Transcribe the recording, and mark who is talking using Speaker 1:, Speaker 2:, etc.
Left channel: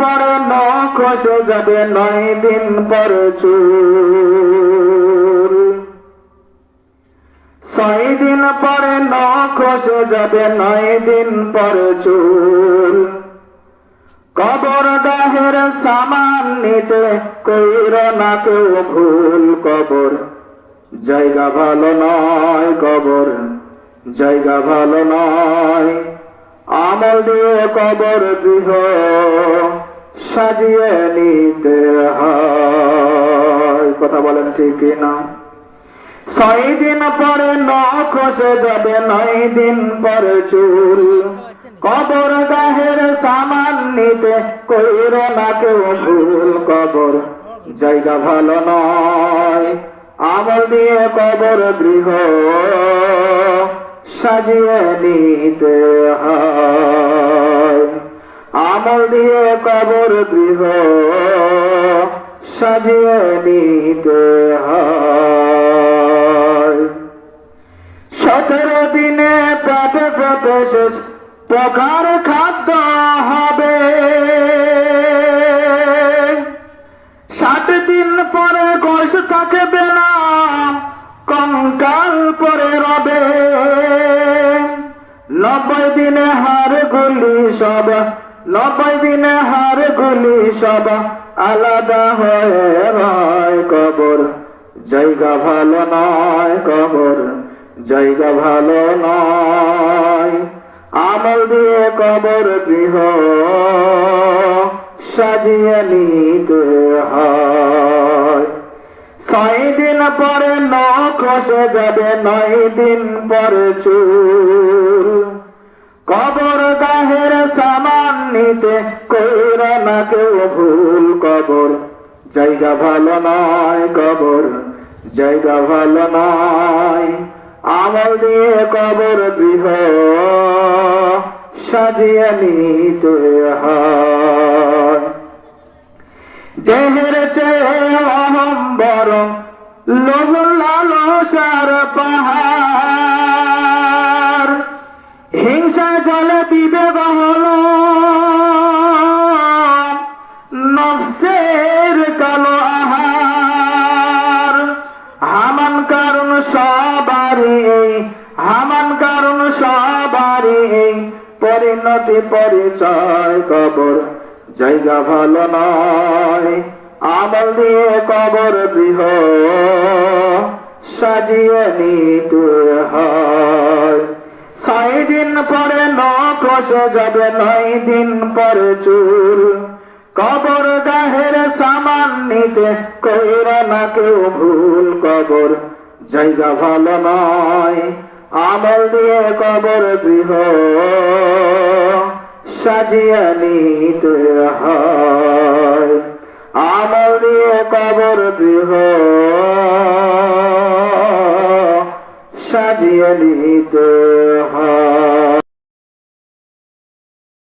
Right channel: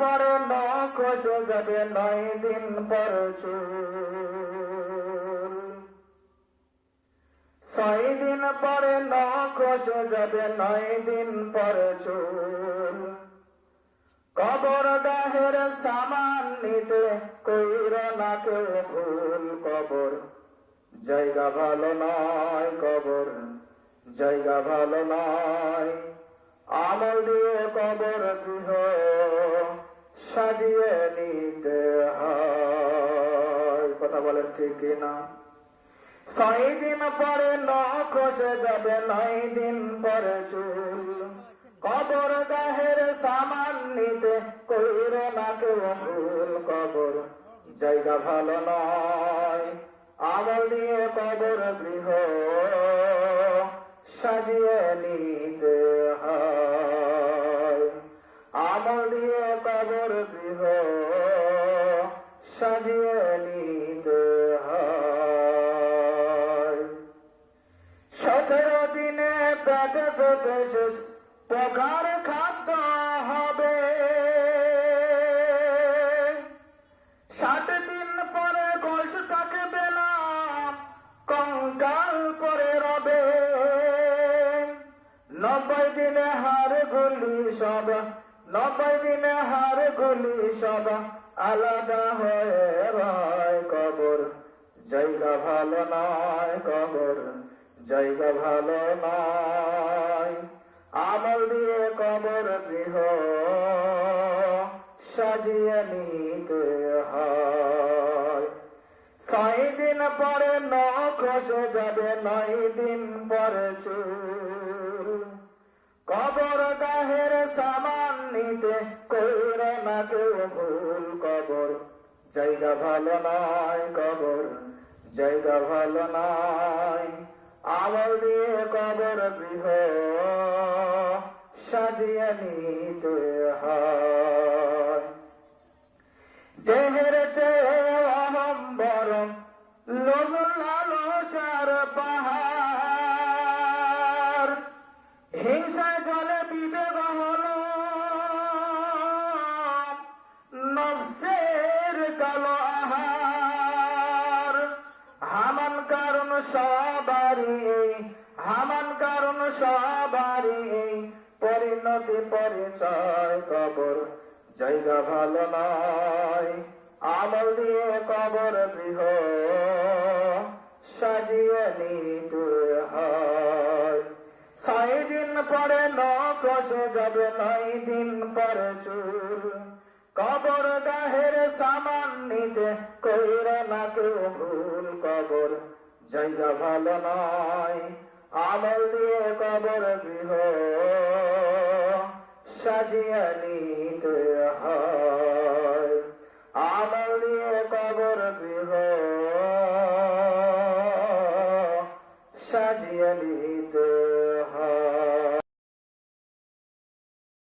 Speaker 1: পরে নখ যাবে নয় দিন পরে ছয় দিন পরে নখ যাবে নয় দিন পরে কবর দাহের সামান নিতে কইর না কেউ ভুল কবর। জায়গা ভালো নয় কবর, জায়গা ভালো নয়। আমল দিয়ে কবর গৃহ সাজিয়ে নিতে হয়। কথা বলেন ঠিক না? ছয় দিন পরে নখ যাবে নয় দিন পরে চুল। কবর গাহের সামান নিতে কইর না কেউ ভুল। কবর জায়গা ভালো নয়। আমল দিয়ে কবর গৃহ সাজিয়ে নিতে হয়। আমল দিয়ে কবর গৃহ সাজিয়ে নিতে হয়। সতেরো দিনে পেটে পেটে শেষ প্রকার খাদ্য হবে। ষাট দিন পরে গোস থাকবে না, কঙ্কাল পরে রবে নব্বই দিনে হার গুলি সব, নব্বই দিনে হার গুলি সব, আলাদা হয়ে রয় কবর। জায়গা ভালো নয় কবর, জায়গা ভালো নয়। আমল দিয়ে কবর গৃহ, সাজিয়ে নিতে হয়। ছয় দিন পরে নখ খসে যাবে, নয় দিন পরে চুল। কবর গাহের সামান নিতে কইর না কেউ ভুল কবর। জায়গা ভালো নয় কবর, জায়গা ভালো নয়। আমল দিয়ে কবর গৃহ, সাজিয়ে নিতে হয়। দেহের চেয়ে অহম বরং লোভ লালসার পাহাড় হিংসা জলে বিবেক হল নফসের কালো আহার। হামান কারণ সবারই এই হামান কারণ সবারই। এই পরিণতি পরিচয় কবর, জায়গা ভালো নয়। আমল দিয়ে কবর গৃহ, সাজিয়ে নিতে হয়। ছয় দিন পরে নখ যাবে নয় দিন পরে চুল। কবর গাহের সামান নিতে কইরা না কেউ ভুল। কবর জায়গা ভালো নয়, আমল দিয়ে কবর গৃহ। সাজিয়া নিতে সাজিয়ে নিতে হয়।